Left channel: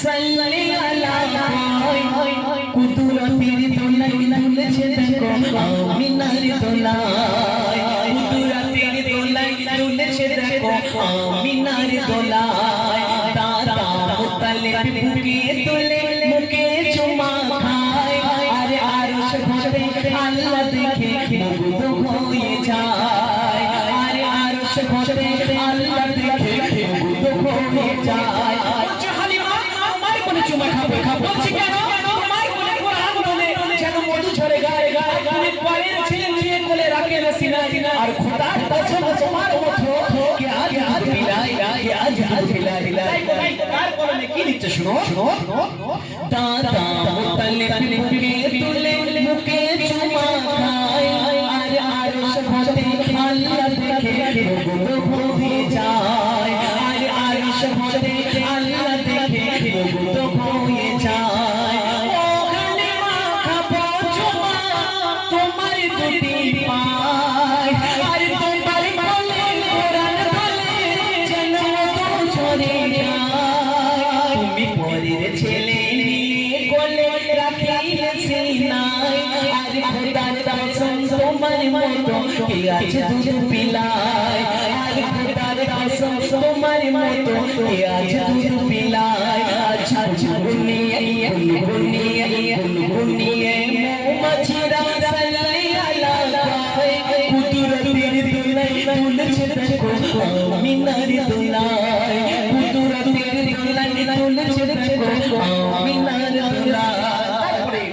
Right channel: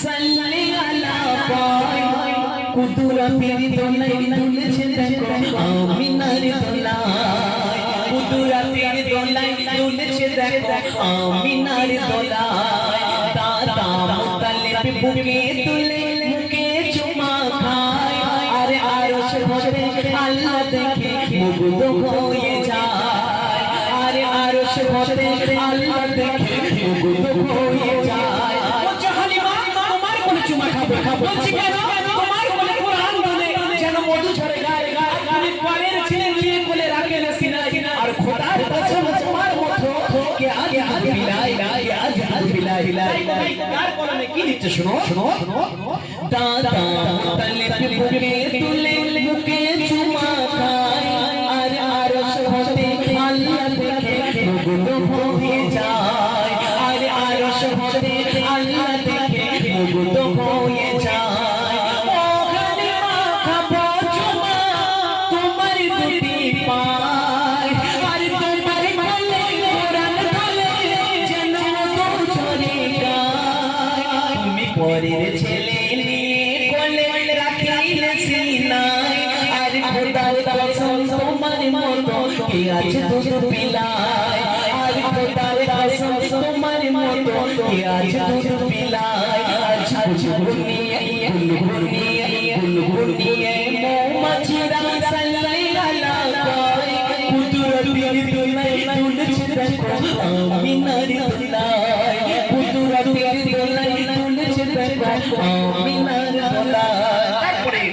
সাল্লি আলা কুদরতের দোলাই দুলেছে দেখো আমিনার দোলাই কুদরতের দোলাই দুলেছে দেখো আমিনার শুনো শুনো দাদা মুতালিব মতো কে আজ দুধ পিলায় দুধ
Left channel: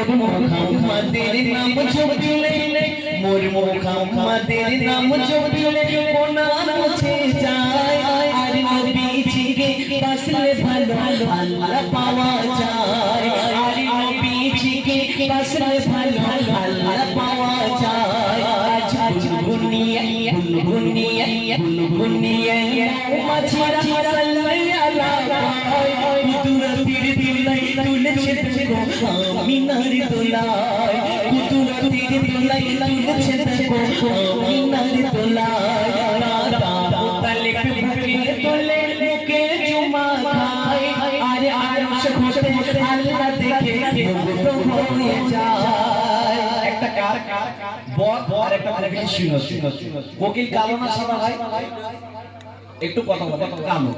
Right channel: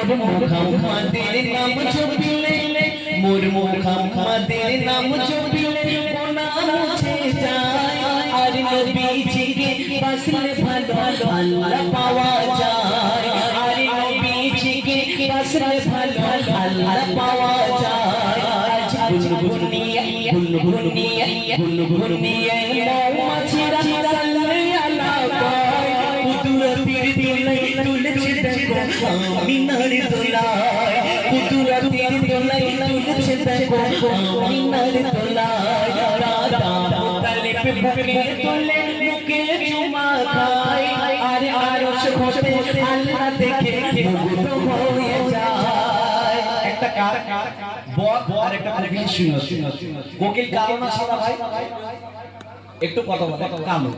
মোর মুহাম্মাদের নাম জপিলে মোর মুহাম্মাদের নাম জপিলে কোনা মুছে যায় আর নবীজিকে বাসলে ভালো আল্লাহ পাওয়া যায় আর কুদরতির দিলাই তুলেছে দেখো আমিনার দোলায় কুদরতির দিলাই তুলেছে দেখো আমিনার দোলায় হয়ে একটা কার বক আর একটা কোকিল কালো না হয় একটু কথা বলো কালো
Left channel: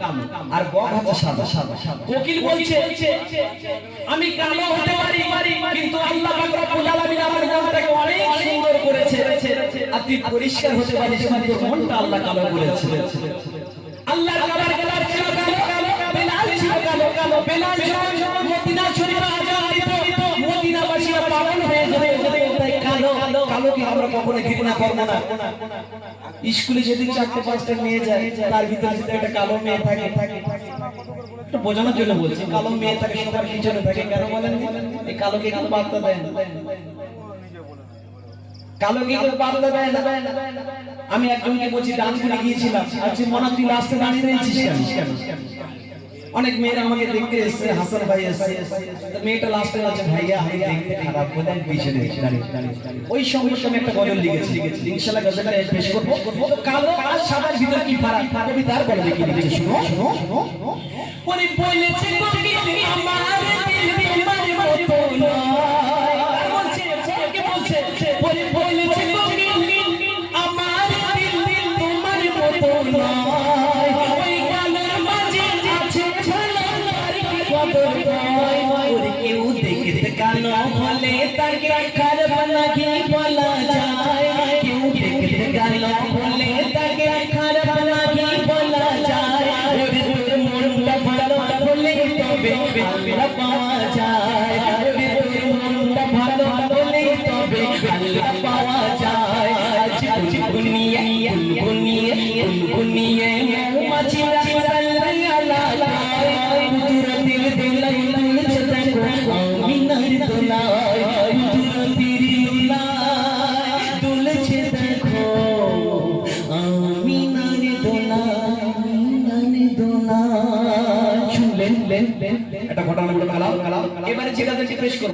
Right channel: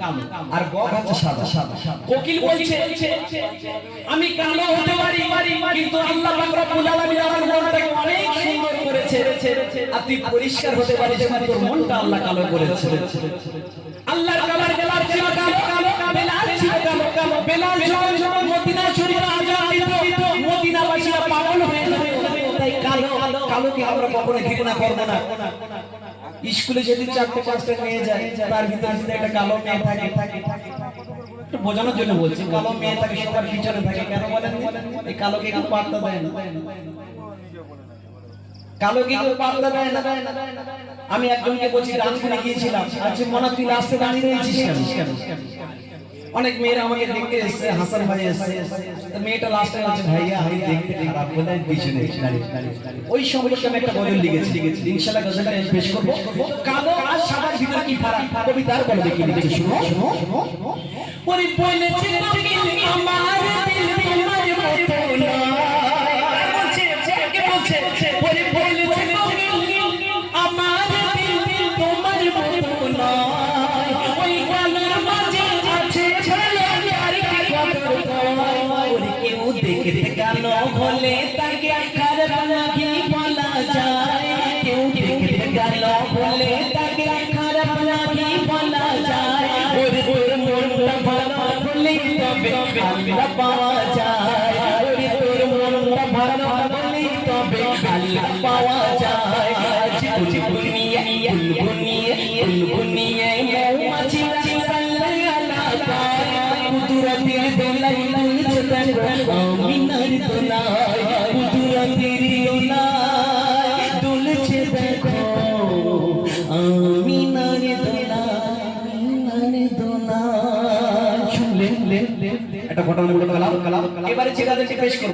আর বক হচ্ছে সাদা সাদা কোকিল বলছে, আমি কালো হতে পারি, কিন্তু আল্লাহ পাক রব্বুল আলামিন আমার মনটাকে অনেক সুন্দর করেছে। আর তুই পরিষ্কার হতে পারিস তোর মনটা আল্লাহ কালো করেছে। ঘৃণা করব না স্কুলে যদি চারটে পাঁচটা মেয়ে যায়, তার ভিতরে যদি একটা কালো মেয়ে থাকে। থাকে বোঝানোর জন্য বলছি, কালো মেয়ে থাকে, সবার পিছনে থাকে। কেন বলেন এই কালোকে কেউ পাত্তা দেয় না। কালো কি কেউ পাত্তা দেয় না। আমি একজনকে বলছি ডান্স করে গিয়েছিলাম। আচ্ছা মনে তুই লাস্টে দাঁড়িয়ে রয়েছিস কেন? অনেক মেয়েরা আমাকে দেখতে এসছে, হাসান ভাই এসছে। মেয়েটা লাস্টে আছে ভাইয়া, আমি দেখতে খারাপ বলে আমি পিছনে ওই সম্পর্কে আমি একটা গজল লিখেছি ইনশাআল্লাহ গজলটা পেশ করব। কালো আর সাদার ভিতর কি ফারাক? ফারাবি তার বলে দেখি দেখি, শুনো। শুনো ওরে বলেছে, তুমি আমার দিল তোমার মতো না দোলায় শুনলেন